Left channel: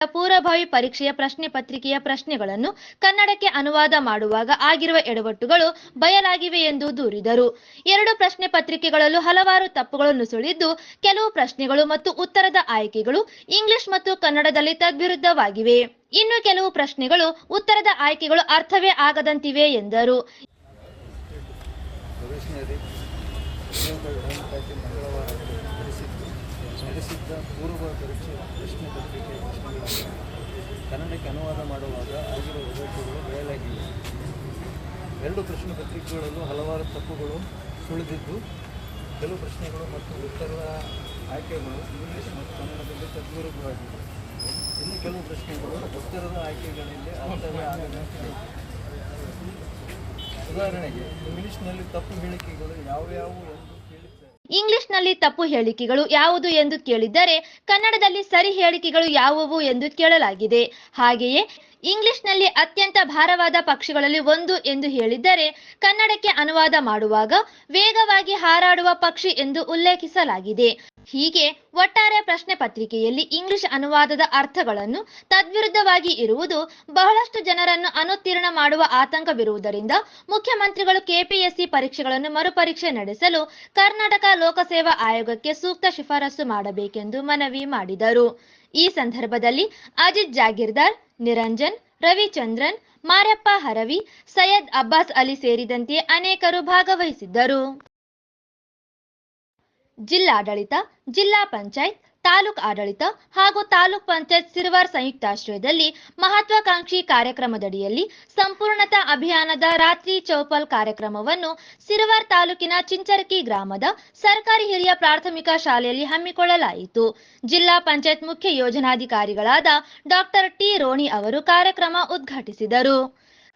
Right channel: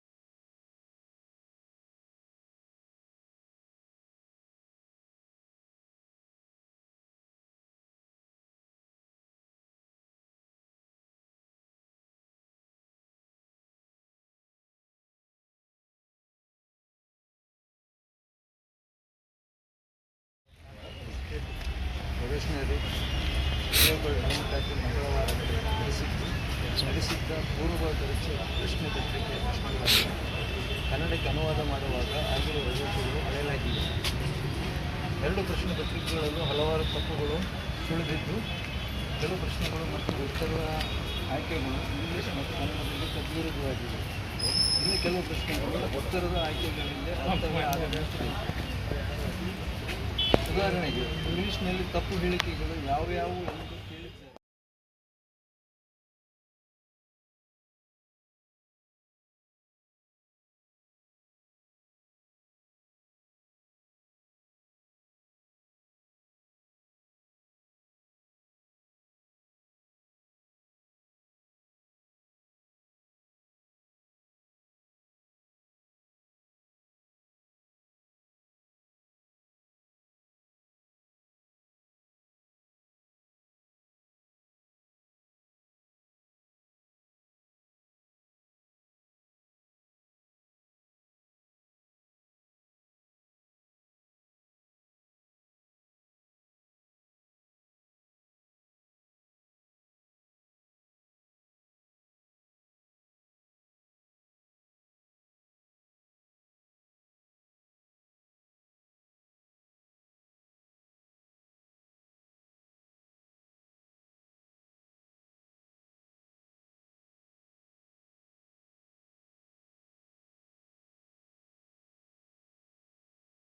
ಪೂರ್ವಭಾವಿ ಪರೀಕ್ಷೆಯ ಪ್ರಶ್ನೆ ಪತ್ರಿಕೆಯ ಪ್ರಶ್ನೆಗಳನ್ನು ಕನ್ನಡಕ್ಕೆ ಅನುವಾದ ಮಾಡುವಾಗ ಆಗಿರುವ ಎಡವಟ್ಟುಗಳು ಬಯಲಾಗಿವೆ ಎಂದು ದೂರಿದರು. 2 ಪ್ರಶ್ನೆ ಪತ್ರಿಕೆಗಳಲ್ಲೂ ಹಲವಾರು ತಪ್ಪುಗಳು ನುಸುಳಿದ್ದು, ಕೆಲವು ಪ್ರಶ್ನೆಗಳು ಮತ್ತು ಉತ್ತರದ ಆಯ್ಕೆಗಳು ಇಂಗ್ಲಿಷ್ ಮತ್ತು ಕನ್ನಡದಲ್ಲಿ ತದ್ವಿರುದ್ಧವಾಗಿವೆ. ಇನ್ನು ಕೆಲವು ಪ್ರಶ್ನೆಗಳು ಉತ್ತರದ ಆಯ್ಕೆಗಳು ಅರ್ಥವೇ ಆಗದಂತಿವೆ ಎಂದರು. ನಡೆಸಿದ್ದ ಪೂರ್ವ ಪರೀಕ್ಷೆ ಪ್ರಶ್ನೆ ಪತ್ರಿಕೆ ಪ್ರಶ್ನೆಗಳನ್ನು ಕನ್ನಡಕ್ಕೆ ಅನುವಾದ ಮಾಡುವಾಗ ಆಗಿರುವ ಎಡವಟ್ಟುಗಳು ಬಯಲಾಗಿವೆ. 2 ಪ್ರಶ್ನೆ ಪತ್ರಿಕೆಗಳಲ್ಲೂ ಹಲವಾರು ತಪ್ಪುಗಳು ಸುಳಿದಿದ್ದು, ಕೆಲವು ಪ್ರಶ್ನೆಗಳು ಮತ್ತು ಉತ್ತರದ ಆಯ್ಕೆಗಳು ಇಂಗ್ಲಿಷ್ ಮತ್ತು ಕನ್ನಡದಲ್ಲಿ ತದ್ವಿರುದ್ಧವಾಗಿವೆ. ಇನ್ನು ಕೆಲವು ಪ್ರಶ್ನೆಗಳು ಉತ್ತರದ ಆಯ್ಕೆಗಳಿಂದ ಅರ್ಥವೇ ಆಗದಂತಿದೆ. ಉದಾಹರಣೆಗೆ, ಇಂಗ್ಲಿಷ್ನಲ್ಲಿ ತಪ್ಪು ಹೇಳಿಕೆಗಳು ಯಾವುವು ಎಂದು ಇಂಗ್ಲಿಷ್ನಲ್ಲಿ ತಪ್ಪು ಹೇಳಿಕೆಗಳು ಯಾವುದು ಎಂದು ಕೇಳಿದ್ದರೆ ಕನ್ನಡದಲ್ಲಿ ಸರಿ ಹೇಳಿಕೆಗಳು ಯಾವುವು ಎಂದು ಕೇಳಲಾಗಿದೆ. ಹಾಗೆಯೇ ಇಂಗ್ಲಿಷ್ನಲ್ಲಿ ಅತ್ಯಂತ ಭಾರವಾದ ಪಕ್ಷಿಗಳಲ್ಲಿ ಒಂದು ಎಂದು ಹೇಳಿದ್ದರೆ ಕನ್ನಡಕ್ಕೆ ಅನುವಾದ ಮಾಡುವಾಗ ವೇಗವಾಗಿ ಹಾರಾಡುವ ಪಕ್ಷಿ ಎಂದು ಉಲ್ಲೇಖಿಸಲಾಗಿದೆ. ಹೀಗೆ ಒಟ್ಟಾರೆ ಪ್ರಶ್ನೆ ಪತ್ರಿಕೆಯಲ್ಲಿ ಇಂಗ್ಲಿಷ್ ಅನುವಾದದ ಅರ್ಥಗಳನ್ನು ತದ್ವಿರುದ್ಧವಾಗಿ ಇರುವುದು ಬಹಳಷ್ಟು ಜನರನ್ನು ಅನುತ್ತೀರ್ಣ ಮಾಡುವ ಆತಂಕವಿರುವುದರಿಂದ ಮುಖ್ಯಮಂತ್ರಿಗಳು ಕೆಪಿಎಸ್ಸಿ ಪರೀಕ್ಷೆಗಳನ್ನು ಮರುಪರೀಕ್ಷೆ ನಡೆಸಲು ಕರ್ನಾಟಕ ಲೋಕಸೇವಾ ಆಯೋಗಕ್ಕೆ ಸೂಕ್ತ ಶಿಫಾರಸು ಮಾಡಬೇಕೆಂದು ಮನವಿ ಮಾಡಿದರು. ಈ ಸಂದರ್ಭದಲ್ಲಿ ಅಜಿತ್ ಜಾಗೀರ್ದಾರ್, ನಿರಂಜನ್, ರವಿಚಂದ್ರನ್, ಮಾರ್ಯಪ್ಪ ಹರವಿ, ಸೈಯದ್ ಅಬ್ಬಾಸ್ ಅಲಿ ಸೇರಿದಂತೆ ಅನೇಕರು ಭಾಗವಹಿಸಿದ್ದರು. ಜಿಲ್ಲಾಡಳಿತ, ಜಿಲ್ಲಾ ಪಂಚಾಯತ್, ತಾಲೂಕು ಆಡಳಿತ ಹಾಗೂ ತಾಲೂಕ್ ಪಂಚಾಯತ್ ಸಿರವಾರ್ ಸಂಯುಕ್ತಾಶ್ರಯದಲ್ಲಿ ಮಹತ್ವಾಕಾಂಕ್ಷಿ ಕಾರ್ಯಕ್ರಮದಡಿಯಲ್ಲಿ ಸಂಪೂರ್ಣತಾ ಅಭಿಯಾನದ ರಾತ್ರಿ ಚೌಪಲ್ ಕಾರ್ಯಕ್ರಮವನ್ನು ಸಿರವಾರ್ ತಾಲೂಕಿನ ಚಿಂಚರಕಿ ಗ್ರಾಮದ ಸರ್ಕಾರಿ ಹಿರಿಯ ಪ್ರಾಥಮಿಕ ಶಾಲೆಯಲ್ಲಿ ಹಮ್ಮಿಕೊಳ್ಳಲಾಯಿತು. ಜಿಲ್ಲಾ ಪಂಚಾಯತ್ ಮುಖ್ಯ ಯೋಜನಾಧಿಕಾರಿಗಳಾದ ಡಾಕ್ಟರ್ ಟಿ ರೋಣಿ ಅವರು ಕಾರ್ಯಕ್ರಮ ಉದ್ಘಾಟಿಸಿದರು.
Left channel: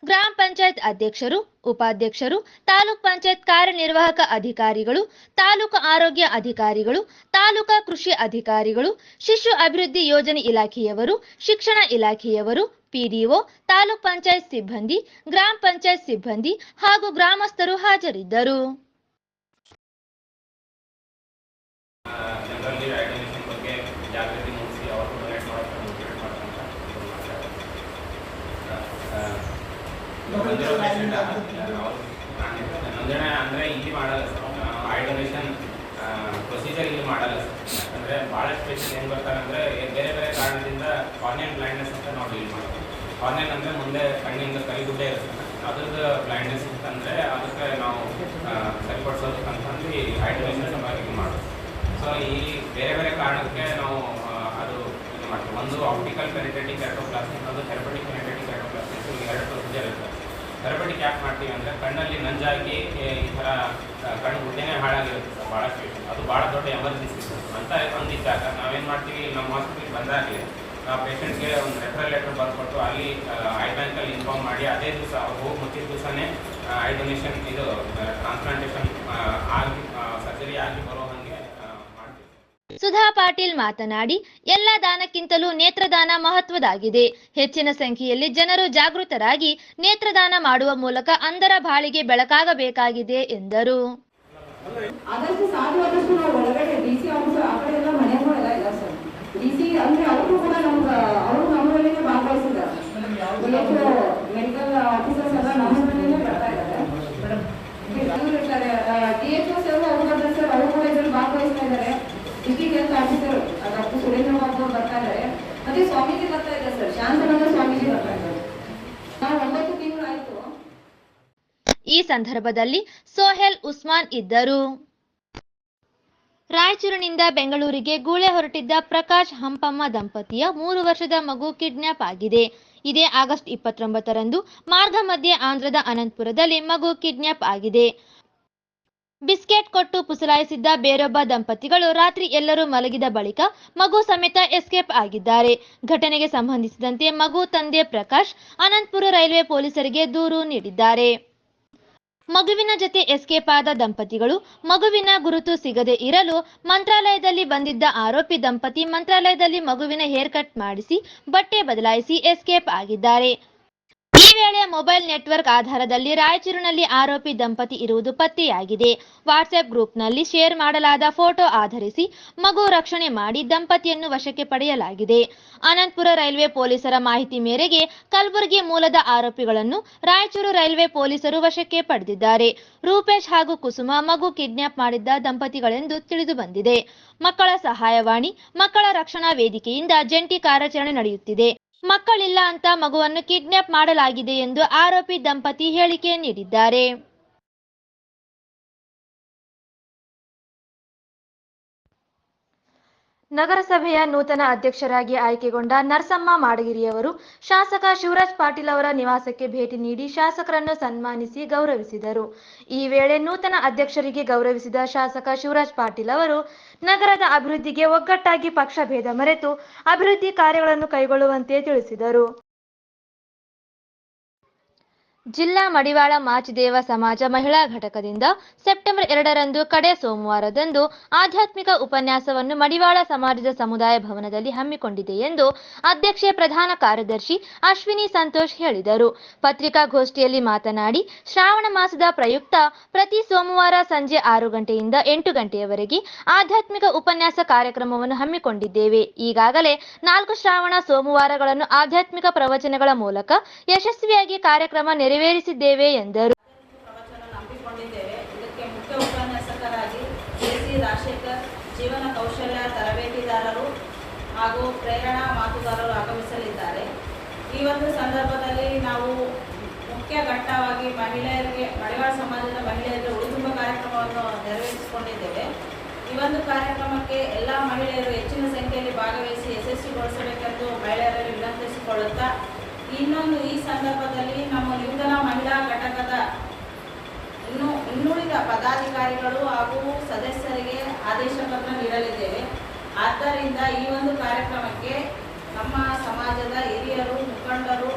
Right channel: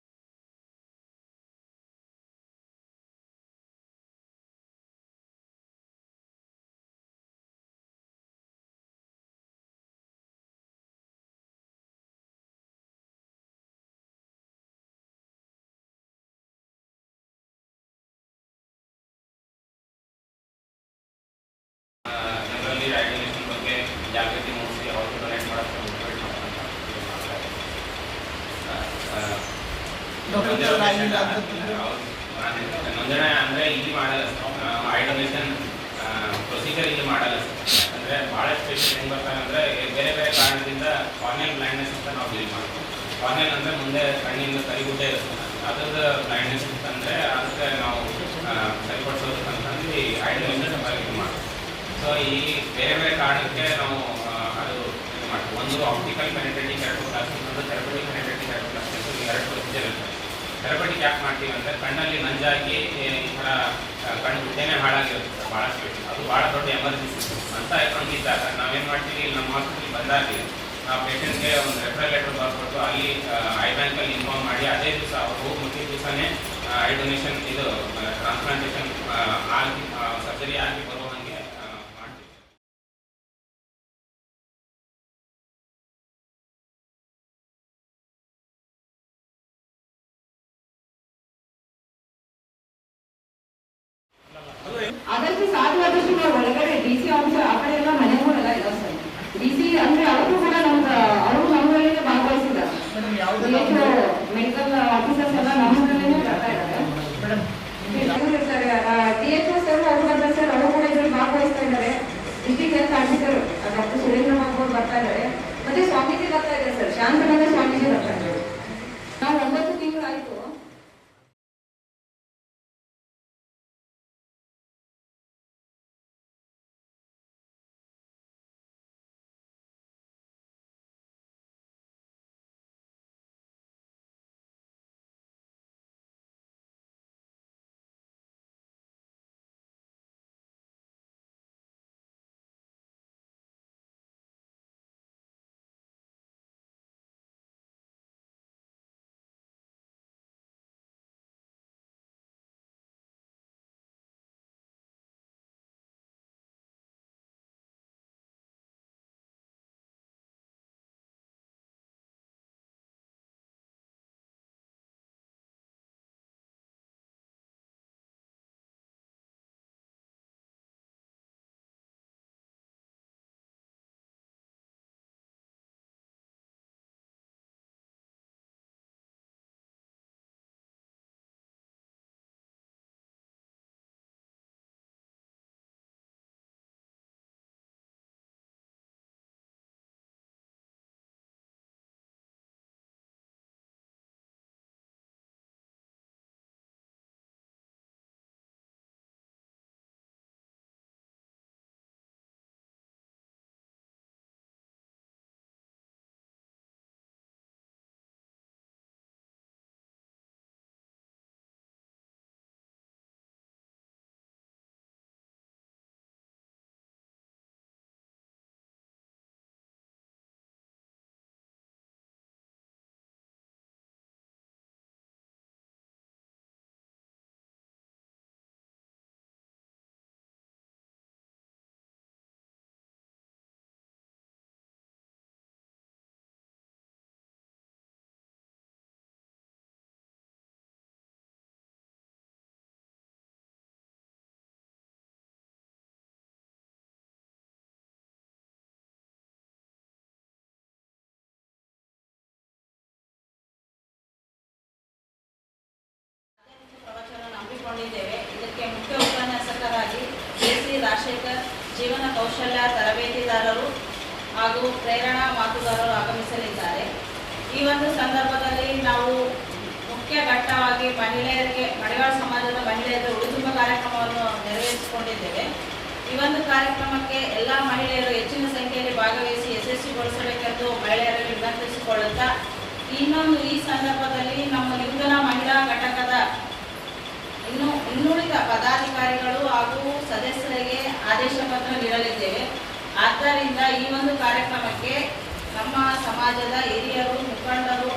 ಗ್ರಾಮ ಪಂಚಾಯತ್ ಅಧ್ಯಕ್ಷರು, ಉಪಾಧ್ಯಕ್ಷರು, ತಾಲೂಕ್ ಪಂಚಾಯತ್ ಕಾರ್ಯನಿರ್ವಾಹಕ ಅಧಿಕಾರಿಗಳು, ತಾಲೂಕು ಆರೋಗ್ಯ ಅಧಿಕಾರಿಗಳು, ತಾಲೂಕಾ ಕೃಷಿ ಅಧಿಕಾರಿಗಳು, ಶಿಶು ಅಭಿವೃದ್ಧಿ ಯೋಜನೆ ಇಲಾಖೆಯವರು, ಶಿಕ್ಷಣ ಇಲಾಖೆಯವರು, ಪಿಡಿಒ, ತಾಲೂಕ್ ಪಂಚಾಯತ್ ಸಿಬ್ಬಂದಿ, ಗ್ರಾಮ ಪಂಚಾಯತ್ ಸಿಬ್ಬಂದಿ ಹಾಗೂ ಗ್ರಾಮಸ್ಥರು ಹಾಜರಿದ್ದರು. ನೋಂದಣಿ ಅಂದರೆ ಇಲ್ಲಿ ಮಾಡಲ್ಲ, ಐ ಡೊನೇಷನ್ ಪ್ರೊಸೀಜರ್ ಇಲ್ಲಿ ಮಾಡಲ್ಲ. ಅಂದರೆ ಭಾಳಷ್ಟು ಪೇಷಂಟ್ ಹೆಂಗೆ ಬರ್ತಾರೆ ಅಂದರೆ ಬೇರೆ ಬೇರೆ ಕಾರಣದಿಂದ ಕಾರ್ನಿಯಲ್ ಬ್ಲೈಂಡ್ನೆಸ್ ಅಂತ ನಾವು ಡೀಲ್ ಮಾಡ್ತೀವಿ. ಕಾರ್ನಿಯಲ್ ಅಂದರೆ ಮುಂದೆ ಕಣ್ಣಿಂದ ಕಲಿಗುಡ್ಡೆ ಇರ್ತದೆ, ಅದ್ರದ್ದು ಬ್ಲೈಂಡ್ನೆಸ್ ಅಂತಂದರೆ ಅದಕ್ಕೆ ನಾವು ಸರಿಪಡಿಸೋದಕ್ಕಂತಂದು ಐ ಡೊನೇಷನ್ ಇದು ಮಾಡ್ತೀವಿ. ಸೊ ಈ ಬೇರೆ ಬೇರೆ ಕಾರಣಕ್ಕೆ ನಾವು ಅದು ಇದು ಮಾಡ್ತೀವಿ. ಒಂದು ಆಪ್ಟಿಕಲ್ ಪೆನೆಟ್ರೇಟಿಂಗ್ ಕೆರಟೋಪ್ಲಾಸ್ಟಿಕ್, ಒಂದು ಥೆರಪಟಿಕ್ ಪೆನೆಟ್ರೇಟಿಂಗ್ ಕೆರಟೋಪ್ಲಾಸ್ಟಿಕ್, 2 ಪ್ರೊಸೀಜರ್ ಇರ್ತದೆ. ಥೆರಪಟಿಕ್ ಯಾಕೆ ಮಾಡ್ತೀವಿ ಅಂದರೆ ಕಣ್ಣಲ್ಲಿ ನಂಜಾಗಿ ಈ ಥರ ಕಣ್ಣು ಗುಡ್ಡೆನೇ ಹಾಳಾಗಿರುತ್ತೆ ಭಾಳಷ್ಟು. ಅದು ಭಾಳ ದೊಡ್ಡ ಎಮರ್ಜೆನ್ಸಿ ಅಂತ ಹಂಗಿದ್ದಾಗ ನಾವೇನು ಮಾಡ್ತೀವಿ, ನಮ್ಮ ಹಾಸ್ಪಿಟಲ್ಗೆ ಬಂದಾಗಲಿ ನಾವು ಪೇಷಂಟ್ಗೆ ಒಂದು ರೆಫರಲ್ ಲೆಟರ್ ಬರ್ಕೊಟ್ಟು ಅಲ್ಲಿ ಐ ಬ್ಯಾಂಕಲ್ಲಿ ಇನ್ಫಾರ್ಮ್ ಮಾಡಿ ಅದೇ ದಿವಸ ಅವ್ರು ಹೋಗಿ ಮುಟ್ಟಿದ ದಿವಸನೇ ಐ ಡೊನೇಷನ್ ಇದು ಟ್ರಾನ್ಸ್ಪ್ಲಾಂಟೇಷನ್ ಆಗಿ ಸರ್ಜರಿ ಆಗಿ ಬರೋ ಹಾಗೆ ಮಾಡ್ತೀವಿ. ಸುಧಾ ಪಾಟೀಲ್ ಮಾತನಾಡಿ, ಎಲ್ಲ ದಾನಕ್ಕಿಂತಲೂ ನೇತ್ರದಾನ ಮಹತ್ವದಾಗಿದೆ. ಹೆಚ್ಚಿನ ಸಂಖ್ಯೆಯಲ್ಲಿ ಜನರು ಜಾಗೃತರಾಗಿ ನೇತ್ರದಾನ ಮಾಡುವ ಮೂಲಕ ಅಂಧರ ಬಾಳಿಗೆ ಬೆಳಕಾಗಬೇಕಾಗಿದೆ ಎಂದರು. ಆದಷ್ಟು ಸಾಧ್ಯವಾದಷ್ಟು ನಾವು ಒಳಗಡೆ ಡಿಸಿ ಆಫೀಸರ್ ಆ ಕಡೆ ಎಲ್ಲ ಮನೆಗಳೆಲ್ಲ ಇಲ್ಲ ಸರ್. ಡಿಸಿ ಅಂದ್ರೆ ಅವರು ಕೂಡ ಅವರು ನಮ್ಮಲ್ಲೇ ಭಾಗವಹಿಸಿದ್ದಾರೆ. ಮೆಡಿಕಲ್ ಆಫೀಸರ್ಸ್ ಎಲ್ಲ ನಮ್ಮಲ್ಲೇ ಬರ್ತಾ ಇದ್ದಾರೆ. ಡಿಎಚ್ಎಸ್ ಅವರು ಬರ್ತಾರೆ ಸರ್, ಅವರು ಕೂಡ ಇದರಲ್ಲಿ ಭಾಗವಹಿಸ್ತಾ ಇದ್ದಾರೆ. District health officer doctor Surendra Babu ಅವರು ಬರ್ತಾ ಇದ್ದಾರೆ. ಮತ್ತೆ ಸ್ವಾಮೀಜಿ ಬರ್ತಾ ಇದ್ದಾರೆ ಸರ್, ಶಾಂತನಗರ ಸ್ವಾಮೀಜಿ ಬರ್ತಾ ಇದ್ದಾರೆ. ನಾವು 9 ತಿಂಗಳು ಆಯ್ತು. ಈ ಸಂದರ್ಭದಲ್ಲಿ ಸೋಹೆಲ್ ಉಸ್ಮಾನ್ ಇದ್ದರು. ರಾಯಚೂರಿನಿಂದ ಬೆಂಗಳೂರಿಗೆ ಗೂಳೆ ಹೊರಟಿದ್ದ ಪ್ರಕಾಶ್ ಹಂಪಮ್ಮ ದಂಪತಿಯ 3 ವರ್ಷದ ಮಗು ಕಿಡ್ನಾಪ್ ಆಗಿದೆ. ಇದೇ ಆಗಸ್ಟ್ 29ರಂದು ಮಾರ್ಗ ಮಧ್ಯೆ ಆಂಧ್ರದ ಅನಂತಪುರದಲ್ಲಿ ಮಗು ಕಿಡ್ನಾಪ್ ಆಗಿದೆ. ಬಿಸ್ಕೆಟ್ ಕೊಟ್ಟು ಪುಸಲಾಯಿಸಿದ್ದ ಬೇರೊಬ್ಬ ದಂಪತಿಗಳು ರಾತ್ರಿ ಎಲ್ಲರೂ ಮಲಗಿದ ಬಳಿಕ ಮಗು ಸಮೇತ ಎಸ್ಕೇಪ್ ಆಗಿದ್ದಾರೆ. ಘಟನೆಗೆ ಸಂಬಂಧಿಸಿದಂತೆ ಮಗು ತಂದೆ ಪ್ರಕಾಶ್ ಅನಂತಪುರ ರೈಲ್ವೆ ಪೊಲೀಸರಿಗೆ ದೂರು ನೀಡಿದ್ದಾರೆ. ಮಗುವಿನ ಜೊತೆ ಎಸ್ಕೇಪ್ ಆದ ದಂಪತಿಗಳು ಮಗುವಿನ ಗುರುತು ಸಿಗದೆ ಇರಲು ಮಂತ್ರಾಲಯದಲ್ಲಿ ಬಂದಿದ್ದ ಆರೋಪಿ ದಂಪತಿ ಮಂತ್ರಾಲಯದಲ್ಲಿ ಮಗುವಿನ ಹೇರ್ ಕಟ್ ಮಾಡಿಸಿ ಬಟ್ಟೆ ಬದಲಾಯಿಸಿ ಎಸ್ಕೇಪ್ ಆಗಿದ್ದಾರೆ. ಈ ವೇಳೆ ಮೊಬೈಲ್ ನೆಟ್ವರ್ಕ್ ಆಧಾರದಲ್ಲಿ ರಾಯಚೂರಿನಲ್ಲಿ ಆರೋಪಿ ದಂಪತಿ ಇರುವುದು ಪತ್ತೆಯಾಗಿದೆ. ವಾಟ್ಸ್ಆಪ್ ಗ್ರೂಪ್ನಲ್ಲಿ ಶೇರ್ ಮಾಡಲಾದ ಫೋಟೋ ಆಧರಿಸಿ ಮಗು ರಕ್ಷಣೆ ಮಾಡಿ ದಂಪತಿಯನ್ನು ವಶಕ್ಕೆ ಪಡೆಯಲಾಗಿದೆ. ಅನಂತಪುರ ರೈಲ್ವೆ ಪೊಲೀಸರ ಮಾಹಿತಿ ಮೇರೆಗೆ ಕಲಬುರಗಿ ಮೂಲದ ಆರೋಪಿಗಳನ್ನು ರಾಯಚೂರು ರೈಲ್ವೆ ಪೊಲೀಸರು ವಶಕ್ಕೆ ಪಡೆದಿದ್ದಾರೆ. ರೂಪೇಶ್ ಹಾಗೂ ಕುಸುಮ ಮಗು ಕಿಡ್ನಾಪ್ ಮಾಡಿದ್ದ ದಂಪತಿಗಳೆಂದು ತಿಳಿದು ಬಂದಿದೆ. ಮಕ್ಕಳ ಸಹಾಯವಾಣಿ, ಮಕ್ಕಳ ರಕ್ಷಣಾ ವೇದಿಕೆಯಿಂದ ಜಂಟಿ ಕಾರ್ಯಾಚರಣೆ ನಡೆಯುತ್ತಿದೆ. ಮಕ್ಕಳಿಲ್ಲ ಅಂತ ಮಗುವನ್ನು ಕಿಡ್ನಾಪ್ ಮಾಡಲಾಗಿದೆ ಎಂದು ಆರೋಪಿ ದಂಪತಿ ಹೇಳಿಕೆ ನೀಡಿದ್ದಾರೆ. ನಗರಸಭೆಯ ನೂತನ ಅಧ್ಯಕ್ಷರಾಗಿ ಆಯ್ಕೆಗೊಂಡ ನರಸಮ್ಮ ಮಾಡಗಿರಿಯವರು ಶಾಸಕ ಶಿವರಾಜ್ ಪಾಟೀಲ್ ಅವರ ನಿವಾಸಕ್ಕೆ ಭೇಟಿ ನೀಡಿ ಶಾಸಕರನ್ನು ಸನ್ಮಾನಿಸಿ ಗೌರವಿಸಿದರು. ಈ ವೇಳೆ ನೂತನ ಅಧ್ಯಕ್ಷರಿಗೆ ಗೌರವಿಸಿದ ಶಾಸಕ ಶಿವರಾಜ್ ಪಾಟೀಲ್ ಅವರು ನಗರದ ಅಭಿವೃದ್ಧಿಗೆ ಒಗ್ಗಟ್ಟಾಗಿ ಪಕ್ಷ ಭೇದ ಮರೆತು ಅಭಿವೃದ್ಧಿ ಕಾರ್ಯಗಳನ್ನು ಕೈಗೊಳ್ಳುವಂತೆ ತಿಳಿಸಿದರು. ಜಿಲ್ಲಾ ಮಡಿವಾಳ ಮಾಚಿದೇವ ಸಮಾಜ ಮಹಿಳಾ ಘಟಕದಿಂದ ಸೆಪ್ಟೆಂಬರ್ 2ರಂದು ಕಡೆ ಸೋಮವಾರದಂದು ಆಧ್ಯಾತ್ಮಿಕ ಉಪನ್ಯಾಸವನ್ನು ಮಡಿವಾಳ ಸಮಾಜದ ಸಮುದಾಯ ಭವನದಲ್ಲಿ ಹಮ್ಮಿಕೊಂಡಿದೆ ಎಂದು ಅಧ್ಯಕ್ಷೆ ಪ್ರಧಾನ ಕಾರ್ಯದರ್ಶಿ ಅಶ್ವಿನಿ ಸಂತೋಷ್ ಹೇಳಿದರು. ಪತ್ರಿಕಾಗೋಷ್ಠಿಯಲ್ಲಿ ಮಾತನಾಡಿ, ಶ್ರಾವಣ ಮಾಸದ ಪ್ರಯುಕ್ತ ಪ್ರತಿ ಸೋಮವಾರ ಸಂಜೆ 6 ಗಂಟೆಯಿಂದ 8 ಗಂಟೆಯವರೆಗೆ ಆಧ್ಯಾತ್ಮಿಕ ಉಪನ್ಯಾಸ ಕಾರ್ಯಕ್ರಮವನ್ನು ಹಮ್ಮಿಕೊಂಡಿದ್ದೇವೆ. ಈಗಾಗಲೇ 4 ಶ್ರಾವಣ ಸೋಮವಾರಗಳನ್ನು ಆಧ್ಯಾತ್ಮಿಕ ಪ್ರವಚನಗಳ ಮೂಲಕ ಯಶಸ್ವಿಯಾಗಿ ಕಾರ್ಯಕ್ರಮ ನೆರವೇರಿಸಿದ್ದೇವೆ ಎಂದರು. ಪ್ರವಚನ ನಂಬಿಕೊಂಡಿದ್ದೇವೆ. ಇದಕ್ಕೆ ಮುಖ್ಯ ಉಪನ್ಯಾಸಕರಾಗಿ ಕೆ.ಸಿ. ರಾಜಶೇಖರ್, ಜೀವನ ಕೌಶಲ್ಯ ತರಬೇತಿದಾರರು ಹಾಗೂ ಪ್ರೇರಣಾ ಮಾತುಗಾರರು ಆಗಮಿಸಲಿದ್ದಾರೆ. ಈ ಒಂದು ಸಂದರ್ಭದಲ್ಲಿ ನಾವು ಮುಖ್ಯ ಘಟ್ಟವಾಗಿ ಮಹಿಳೆಯರಿಗೆ, ಮಡಿವಾಳ ಸಮಾಜದ ಮಹಿಳೆಯರಿಗೆ ಉಳಿದುಂಬ ಕಾರ್ಯಕ್ರಮವನ್ನು ನೆರವೇರಿಸಿಕೊಂಡಿದ್ದೇವೆ. ಈ ಒಂದು ಕಾರ್ಯಕ್ರಮಕ್ಕೆ ಎಲ್ಲ ಮಹಿಳೆಯರು ಹೆಚ್ಚಿನ ಸಂಖ್ಯೆಯಲ್ಲಿ ಭಾಗವಹಿಸಿ ಯಶಸ್ವಿಗೊಳಿಸಬೇಕೆಂದು ಮಹಿಳೆಯರಲ್ಲಿ ವಿನಂತಿಸಿಕೊಳ್ಳುತ್ತಾ, ಇನ್ನೊಂದು ಈ ಸಂದರ್ಭದಲ್ಲಿ ನಮ್ಮ ಲಿಂಗನ ಮಹಿಳಾ ಘಟಕದ ಇನ್ನುಳಿದ ಪದಾಧಿಕಾರಿಗಳು ಹಾಗೂ ಸದಸ್ಯರಿಗೆ ಆದೇಶ ಪತ್ರ ನೀಡಲಿದ್ದೇವೆ. ಆದ್ದರಿಂದ ಈ ಒಂದು ಕಾರ್ಯಕ್ರಮಕ್ಕೆ ನಮ್ಮ ಸಮಾಜದ ಹಿರಿಯರು, ಮುಖಂಡರು,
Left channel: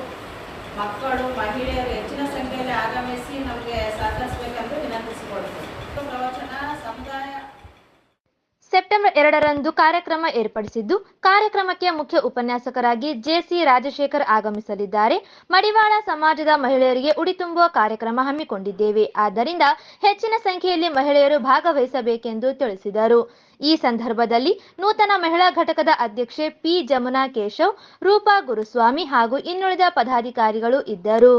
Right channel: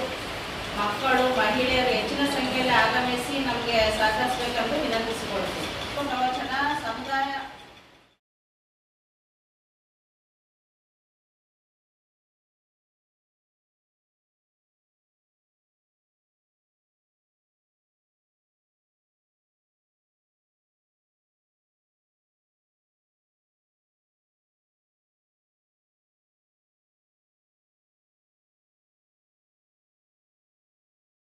ಮಕ್ಕಳು, ಮಹಿಳೆಯರು ಹೆಚ್ಚಿನ ಸಂಖ್ಯೆಯಲ್ಲಿ ಆಗಮಿಸಿ ನಮಗೆ ಸಹಕರಿಸಬೇಕೆಂದು ವಿನಂತಿಸಿಕೊಳ್ಳುತ್ತೇವೆ. ಪ್ರವಚನ ಸಮುದಾಯ ಸೆಪ್ಟೆಂಬರ್ 2ರಂದು ಕಾರ್ಯಕ್ರಮ ಏರ್ಪಡಿಸಿದ್ದು, ಕಾರ್ಯಕ್ರಮಕ್ಕೆ ಮುಖ್ಯ ಉಪನ್ಯಾಸಕರಾಗಿ ಜೆ.ಸಿ. ರಾಜಶೇಖರ್ ಆಗಮಿಸಲಿದ್ದಾರೆ. ಮಡಿವಾಳ ಸಮಾಜದ ಮಹಿಳೆಯರಿಗೆ ಉಡಿ ತುಂಬುವ ಕಾರ್ಯಕ್ರಮ ಹಮ್ಮಿಕೊಂಡಿದ್ದೇವೆ. ಆದ್ದರಿಂದ ಹೆಚ್ಚಿನ ಸಂಖ್ಯೆಯಲ್ಲಿ ಮಹಿಳೆಯರು ಭಾಗವಹಿಸಬೇಕೆಂದು ತಿಳಿಸಿದರು. ಈ ಸಂದರ್ಭದಲ್ಲಿ ನೂತನ ಮಹಿಳಾ ಘಟಕದ ಅಧ್ಯಕ್ಷೆ ಪಿ. ಜಮುನಾ ಕೇಶವ್, ರೂಪಾ ಗುರುಸ್ವಾಮಿ ಹಾಗೂ ಇನ್ನುಳಿದ ಪದಾಧಿಕಾರಿಗಳು ಇದ್ದರು.